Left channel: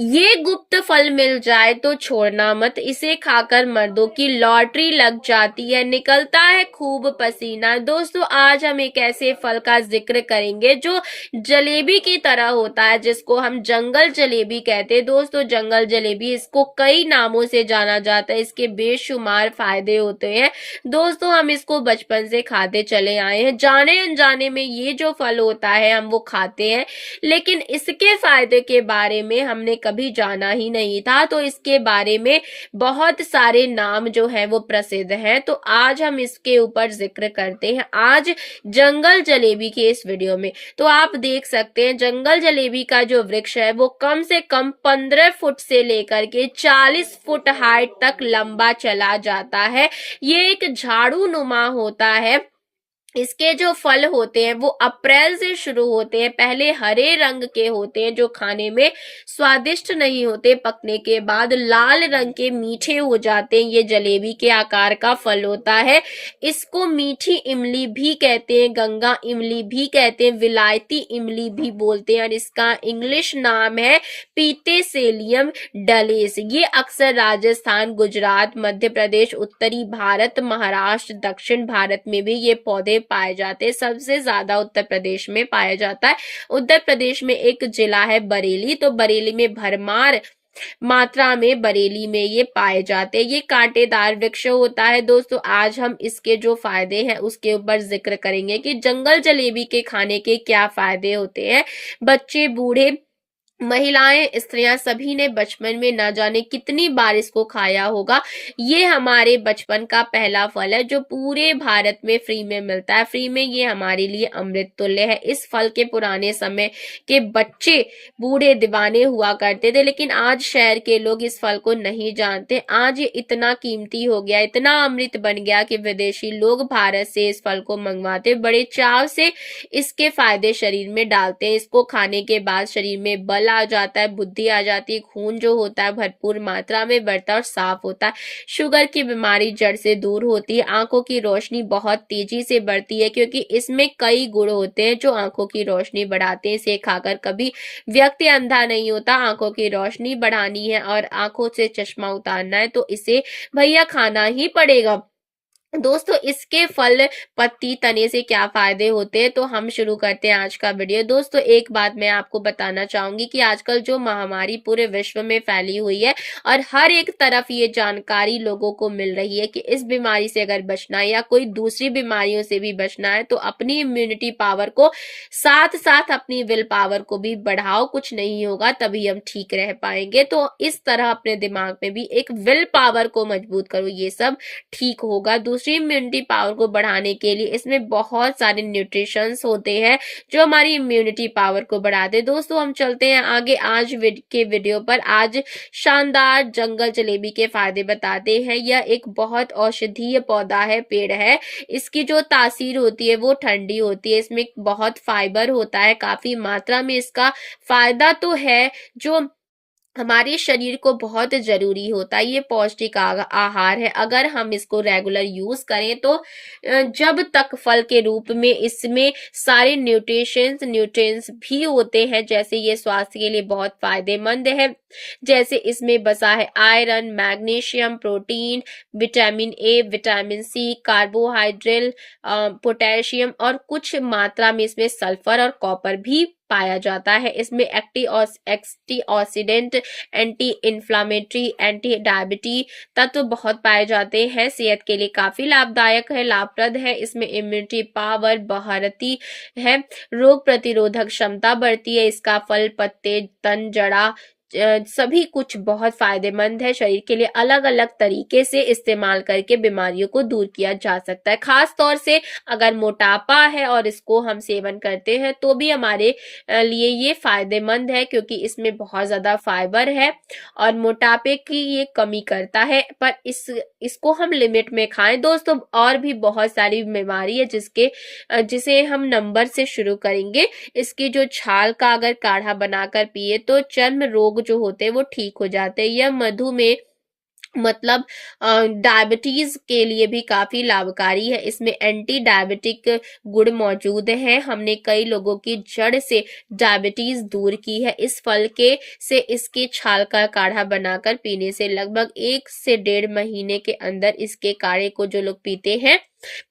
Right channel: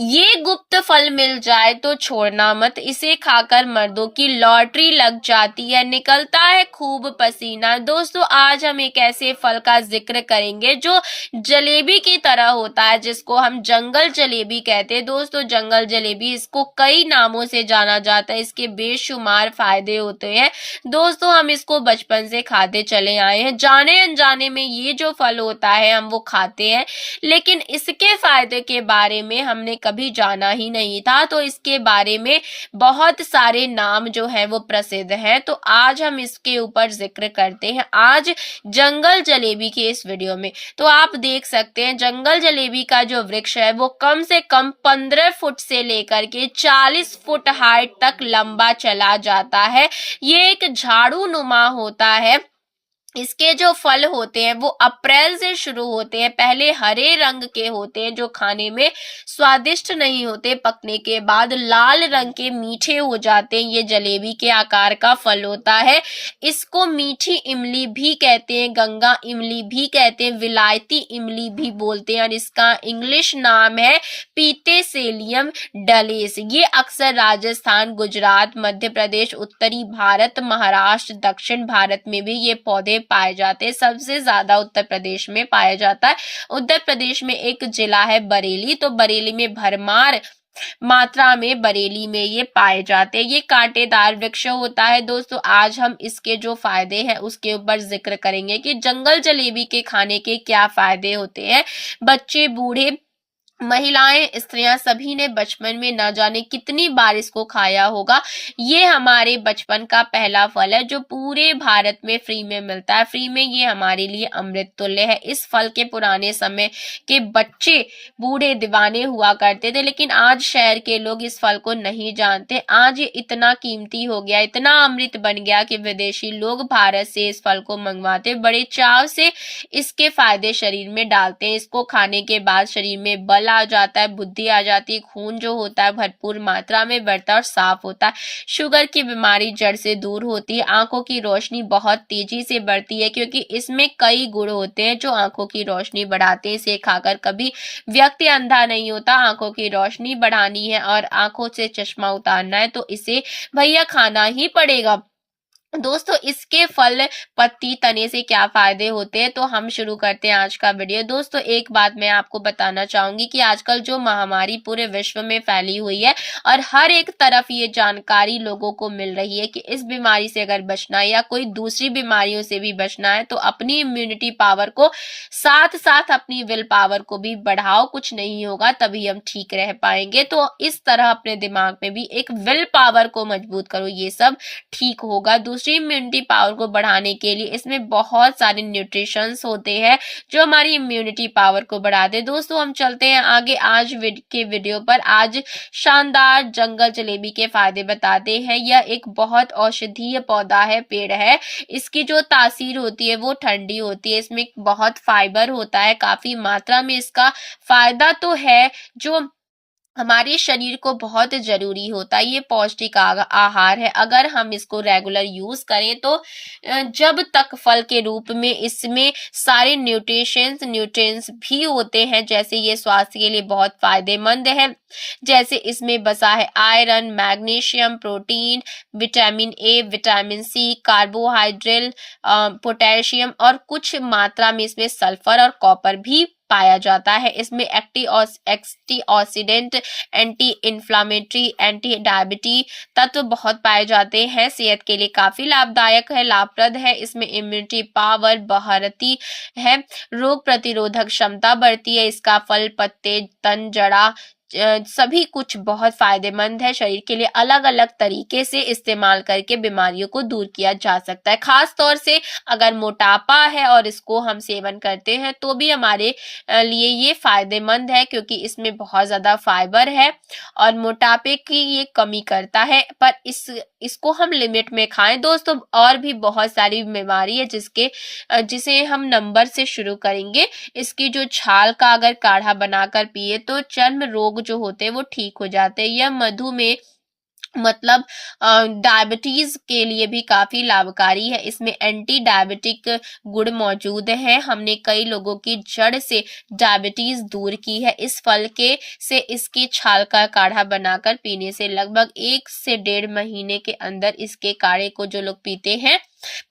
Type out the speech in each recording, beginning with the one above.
ये गुप्त फल मिल जाए तो छोड़ना मत, इसे खाकर मर्दों की लॉटरी लग जाती है, निकलता है खूब पसीना। दोस्तों आज हम एक ऐसे फल का जिक्र करेंगे जो जलेबी की तरह होता है, जिसको हम जंगल जलेबी कहते हैं। दोस्तों जंगल जलेबी, इसको कई नामों से जाना जाता है, इसके बेशुमार फायदे होते हैं। दोस्तों हम इसको बचपन से खाते चले आए हैं, जाने अनजाने में ये जो फल होता है हम वो खाते हैं, लेकिन इसके फायदे के बारे में हमने कभी जाना ही नहीं था। तो इसके बारे में बहुत सारे नाम जो है वो प्रसिद्ध हैं, तो आज हम इसके ऊपर जिक्र करते हैं आज जंगल जलेबी के इस वीडियो में। तो आप देख सकते हैं जंगल जलेबी का जो वृक्ष है वो कम से कम 15 फुट से लेकर के 40 फुट हाइट तक लंबा चला जाता है। ये एक झाड़ू नुमा होता है। इसके जो फल होते हैं वो अप्रैल से शुरू होते हैं, पहले हरे रंग के होते हैं जो खाने में स्वादिष्ट नहीं होते, पकने के बाद लाल रंग के मीठे हो जाते हैं। ये जलेबी के आकार का फल होता है। इसको मीठी इमली भी कहते हैं, गंगा इमली भी कहते हैं, विलायती इमली भी बोलते हैं, और इसका इंग्लिश नाम है पीतेसेलियम डलेस। ये अक्सर राजस्थान, गुजरात, मध्य प्रदेश, उत्तरी भारत, महाराष्ट्र, दक्षिण भारत में भी ये पौधे पाए जाते हैं। सबसे ज्यादा उत्तर प्रदेश में पाया जाता है। उत्तर प्रदेश में एक जिला है बरेली, तो बरेली में भरमार मात्रा में बरेली में ये पाए जाते हैं। ये कांटेदार वृक्ष होता है। दोस्तों आज हम इसके जो फायदे हैं उसके ऊपर जिक्र करेंगे कि जंगल जलेबी के खाने के क्या फायदे होते हैं। बच्चे, बूढ़े, महिलाएं, स्त्रियां सभी ने बचपन में न जाने कितनी बार इसको खाया होगा। ये हमारे बचपन का पहला फल है जो पूरे भारत में फ्री में मिलता है। फ्री में ये हमारे लिए अमृत तुल्य है। इस फल के पुराने समय के बच्चे, बूढ़े दीवाने हुआ करते थे, लेकिन आज शहर के लोग इस फल को नहीं जानते। आज ये इतना कीमती हो गया, इतना अमृत बन गया कि विदेशी लोग भारत से इस फल को मंगवाते, बड़े चाव से इसके फायदे शरीर में डालते हैं। इसको खाने के बाद शरीर में बल आ जाता है, बुद्धि आ जाती है, खून जो होता है भरपूर मात्रा में बढ़ता है और साफ होता है। शुगर की बीमारी जड़ से दूर होती है। आंखों की रोशनी बहुत तेजी से बढ़ती है क्योंकि इसमें कई गुण होते हैं जो आंखों की रोशनी बढ़ाते हैं। इसे खाकर कभी व्यक्ति अंधा नहीं होता। आंखों की रोशनी बढ़ानी है और आंखों से चश्मा उतारना है तो इसे भैया खाना ही पड़ेगा। दोस्तों इसके फल, पत्ती, तने से क्या फायदे होते हैं, तो हम शुरू करते हैं आज का वीडियो। दोस्तों एक बात मैं आपको बताना चाहूंगी कि आजकल जो महामारी पूरे विश्व में फैली हुई है और हर एक तरफ ये जानकारी लोगों को मिल रही है कि इस बीमारी से अगर बचना है या कोई दूसरी बीमारियों से भी बचना है तो अपनी इम्यूनिटी पावर को साथ साथ अपनी विल पावर को भी बढ़ाओ। कुछ नहीं होगा तभी हम ठीक रह पाएंगे। तो इस तरह अपने दिमाग में भी एक विल पावर को मजबूत करो, ये सब ठीक होगा। दूसरी इम्यूनिटी पावर को बढ़ाने के लिए इसमें बहुत सारे न्यूट्रिशंस होते हैं जो हमारी इम्यूनिटी पावर को बढ़ाते। दोस्तों हम चलते हैं आगे आज के वीडियो पर। आज शानदार जंगल जलेबी के फायदे बताते हैं। यह एक बहुत औषधीय पौधा है, पेड़ है। इसकी जो तासीर होती है वो ठंडी होती है। इसमें बहुत फाइबर होता है, काफी मात्रा में इसका फायदा तो है जो हमारे शरीर को बहुत जरूरी होता है। ये पौष्टिक आहार है। अगर हम इसको रेगुलर यूज करें तो जब तक फल के रूप में इसमें सारे न्यूट्रिएंट्स भी होते हैं, जैसे ये स्वास्थ्य के लिए बहुत फायदेमंद है। जैसे इसमें बसा है iron, magnesium, protein, vitamin A, vitamin C, carbohydrate, potassium और कुछ मात्रा में इसमें सल्फर और कॉपर भी पाया जाता है। इसमें एंटीऑक्सीडेंट, एंटी इंफ्लामेटरी, एंटी डायबिटी तत्व बहुत पाए जाते हैं। सेहत के लिए काफी लाभदायक है, लाभप्रद है। इसमें इम्यूनिटी पावर बढ़ती है, रोग प्रतिरोधक क्षमता बढ़ती है। इसका फल, पत्ते, तन, जड़ा सभी कुछ बहुत फायदेमंद है। शरीर के लिए अलग अलग तरीके से इस्तेमाल करके बीमारियों को दूर किया जा सकता है। खास तौर से अगर मोटापा है और इसको हम सेवन करते हैं तो भी हमारे लिए ये फायदेमंद है क्योंकि इसमें बहुत ज्यादा फाइबर है और मोटापे की ये कमी करता है। पर इसको हम लिमिट में खाएं। दोस्तों और भी बहुत सारी बीमारी है जिसे हम नंबर से शुरू करेंगे। इसकी जो छाल का अगर काढ़ा बनाकर पिए तो चर्म रोग जो होते हैं वो ठीक हो जाते हैं। यह मधुमेह मतलब डायबिटीज के लिए भी काफी लाभकारी है। इसमें एंटी डायबिटिक गुण मौजूद है। हमने कई लोगों की जड़ से डायबिटीज दूर की है। इस फल के से इसके छाल का काढ़ा बनाकर पीने से लगभग 1 से 1.5 महीने के अंदर इसके काढ़े को जो लोग पीते हैं,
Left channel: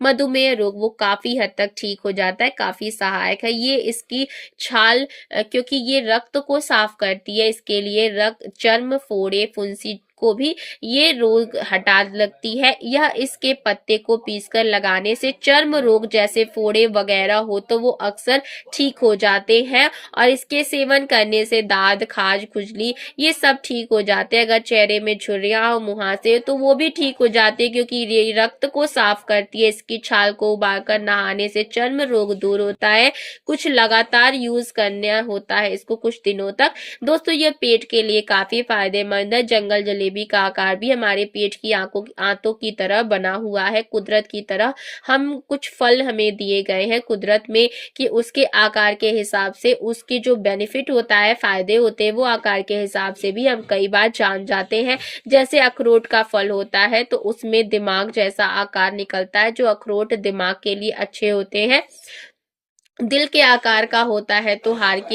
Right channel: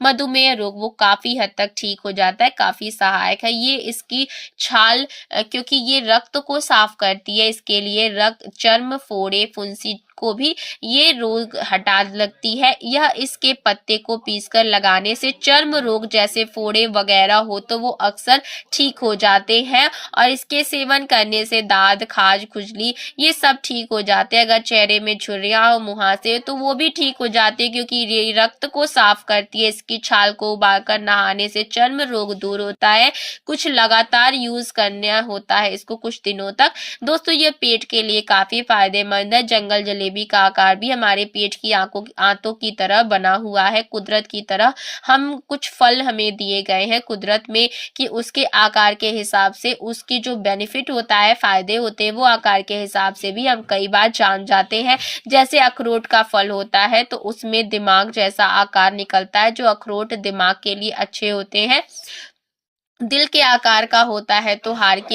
मधुमेह रोग वो काफी हद तक ठीक हो जाता है, काफी सहायक है। ये इसकी छाल क्योंकि ये रक्त को साफ करती है, इसके लिए रक्त, चर्म, फोड़े, फुंसी को भी ये रोग हटा लगती है। यह इसके पत्ते को पीसकर लगाने से चर्म रोग जैसे फोड़े वगैरह हो तो वो अक्सर ठीक हो जाते हैं, और इसके सेवन करने से दाद, खाज, खुजली ये सब ठीक हो जाते हैं। अगर चेहरे में झुर्रियां हो, मुहासे तो वो भी ठीक हो जाते हैं, क्योंकि ये रक्त को साफ करती है। इसकी छाल को उबालकर नहाने से चर्म रोग दूर होता है। कुछ लगातार यूज करना होता है इसको कुछ दिनों तक। दोस्तों ये पेट के लिए काफी फायदेमंद है। जंगल जलेबी का आकार भी हमारे पेट की आंतों की तरह बना हुआ है। कुदरत की तरह हम कुछ फल हमें दिए गए हैं कुदरत में कि उसके आकार के हिसाब से उसके जो बेनिफिट होता है, फायदे होते हैं, वो आकार के हिसाब से भी हम कई बार जान जाते हैं। जैसे अखरोट का फल होता है तो उसमें दिमाग जैसा आकार निकलता है, जो अखरोट दिमाग के लिए अच्छे होते हैं। दिल के आकार का होता है तो हार्ट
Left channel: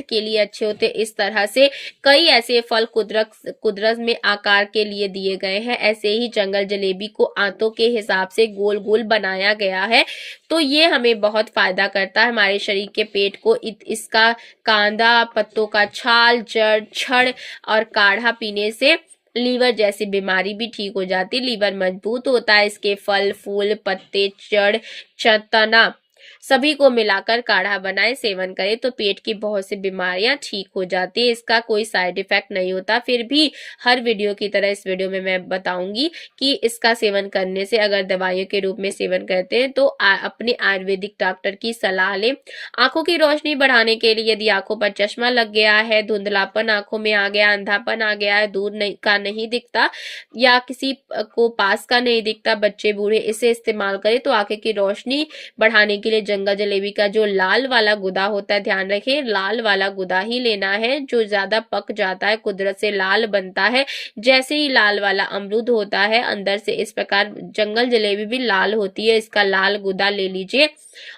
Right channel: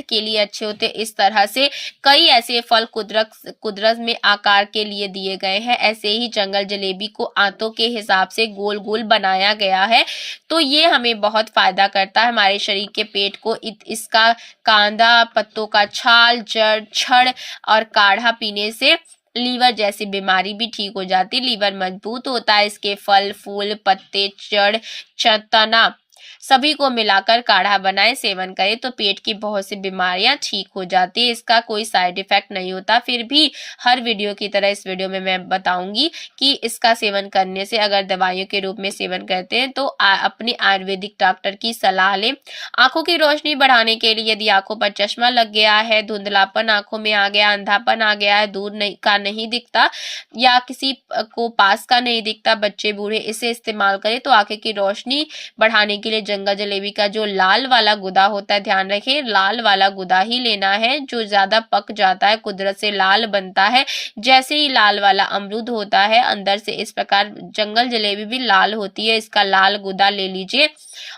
के लिए अच्छे होते। इस तरह से कई ऐसे फल कुदरत में आकार के लिए दिए गए हैं। ऐसे ही जंगल जलेबी को आंतों के हिसाब से गोल गोल बनाया गया है, तो ये हमें बहुत फायदा करता है हमारे शरीर के पेट को। इसका कांदा, पत्तों का छाल, जड़, छड़ और काढ़ा पीने से लीवर जैसी बीमारी भी ठीक हो जाती। लीवर मजबूत होता है। इसके फल, फूल, पत्ते, जड़, तना सभी को मिलाकर काढ़ा बनाए, सेवन करें तो पेट की बहुत सी बीमारियां ठीक हो जाती है। इसका कोई साइड इफेक्ट नहीं होता। फिर भी हर वीडियो की तरह इस वीडियो में मैं बताऊंगी कि इसका सेवन करने से, अगर दवाइयों के रूप में सेवन करते हैं तो अपने आयुर्वेदिक डॉक्टर की सलाह लें। आंखों की रोशनी बढ़ाने के लिए, यदि आंखों पर चश्मा लग गया है, धुंधलापन आंखों में आ गया, अंधापन आ गया है, दूर नहीं दिखता या किसी को पास का नहीं दिखता, बच्चे बूढ़े, इसे इस्तेमाल करें तो आंखें की रोशनी बढ़ाने के लिए जंगल जलेबी का जो लाल वाला गुदा होता है, ध्यान रखें लाल वाला गुदा ही लेना है। जो ज्यादा पक जाता है कुदरत से लाल बनता है, जैसे ही लाल वाला अमरूद होता है अंदर से, इस प्रकार जंगल जलेबी भी लाल होती है। इसका लाल गुदा ले लीजिए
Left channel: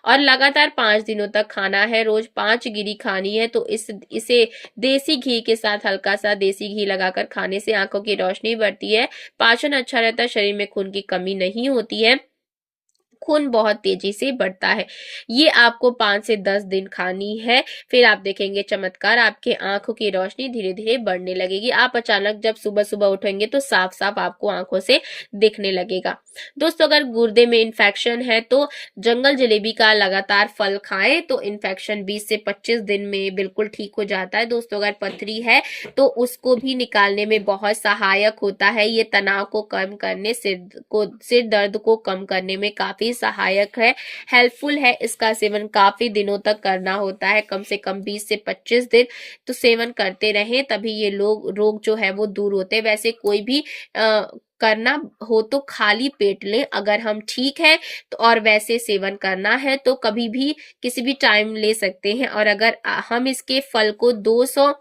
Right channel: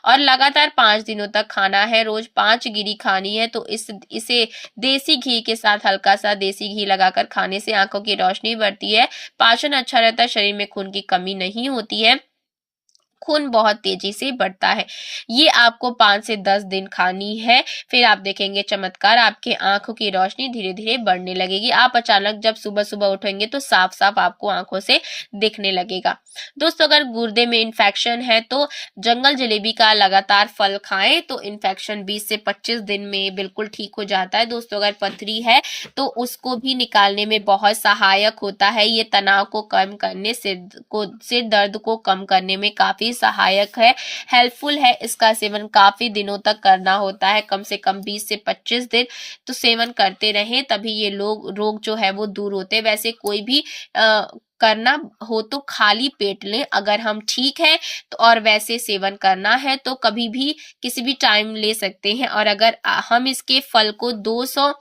और लगातार 5 दिनों तक खाना है। रोज 5 गिरी खानी है। तो इसे देसी घी के साथ, हल्का सा देसी घी लगाकर खाने से आंखों की रोशनी बढ़ती है, पाचन अच्छा रहता है, शरीर में खून की कमी नहीं होती है, खून बहुत तेजी से बढ़ता है। ये आपको 5 से 10 दिन खानी है। फिर आप देखेंगे चमत्कार, आपके आंखों की रोशनी धीरे धीरे बढ़ने लगेगी। आप अचानक जब सुबह सुबह उठेंगे तो साफ साफ आपको आंखों से दिखने लगेगा। दोस्तों अगर गुर्दे में इन्फेक्शन है तो जंगल जलेबी का लगातार फल खाएं तो इन्फेक्शन 20 से 25 दिन में बिल्कुल ठीक हो जाता है। दोस्तों अगर पथरी है तो उसको भी निकालने में बहुत सहायक होता है। ये तनाव को कम करने, सिर दर्द को कम करने में काफी सहायक है, हेल्पफुल है। इसका सेवन काफी दिनों तक करना होता है, कम से कम 20 से 25 दिन तो सेवन करते रहें, तभी ये रोग जो है वो दूर होते हैं। वैसे कोई भी करना हो तो खाली पेट लें अगर हम ठीक है तो, और वैसे सेवन करना है तो कभी भी किसी भी टाइम ले सकते हैं। और अगर हम इसके फल को 200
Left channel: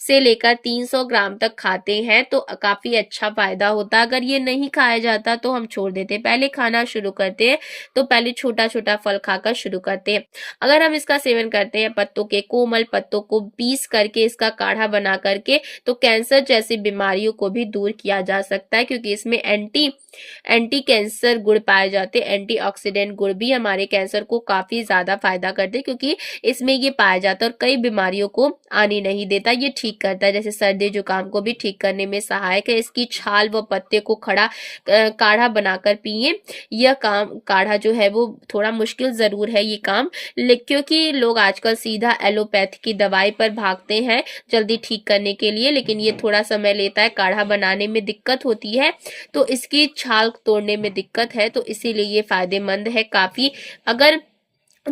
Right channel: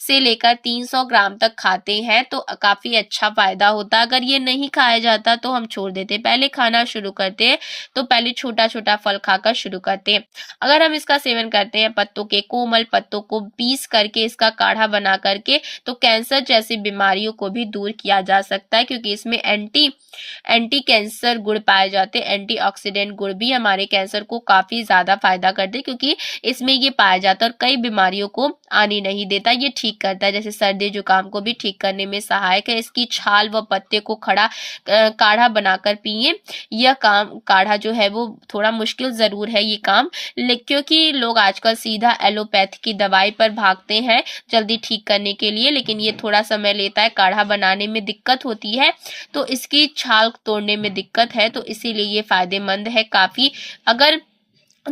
से लेकर 300 ग्राम तक खाते हैं तो काफी अच्छा फायदा होता है। अगर ये नहीं खाया जाता तो हम छोड़ देते, पहले खाना शुरू करते हैं तो पहले छोटा छोटा फल खाकर शुरू करते हैं। अगर हम इसका सेवन करते हैं, पत्तों के कोमल पत्तों को पीस करके इसका काढ़ा बना करके, तो कैंसर जैसी बीमारियों को भी दूर किया जा सकता है, क्योंकि इसमें एंटी कैंसर गुण पाए जाते हैं। एंटीऑक्सीडेंट गुण भी हमारे कैंसर को काफी ज्यादा फायदा करते हैं, क्योंकि इसमें ये पाया जाता है और कई बीमारियों को आने नहीं देता। ये ठीक करता है, जैसे सर्दी जुकाम को भी ठीक करने में सहायक है। इसकी छाल व पत्ते को काढ़ा बनाकर पिए। यह काढ़ा जो है वो थोड़ा मुश्किल जरूर है ये काम, क्योंकि लोग आजकल सीधा एलोपैथी की दवाई पर भागते हैं जल्दी ठीक करने के लिए, लेकिन ये थोड़ा समय लेता है। काढ़ा बनाने में दिक्कत होती है तो इसकी छाल तोड़ने में दिक्कत है, तो इसीलिए ये फायदेमंद है काफी। अगर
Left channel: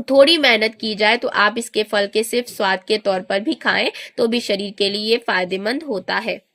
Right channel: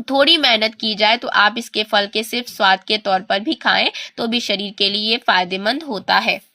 थोड़ी मेहनत की जाए तो आप इसके फल के सिर्फ स्वाद के तौर पर भी खाएं तो भी शरीर के लिए फायदेमंद होता है।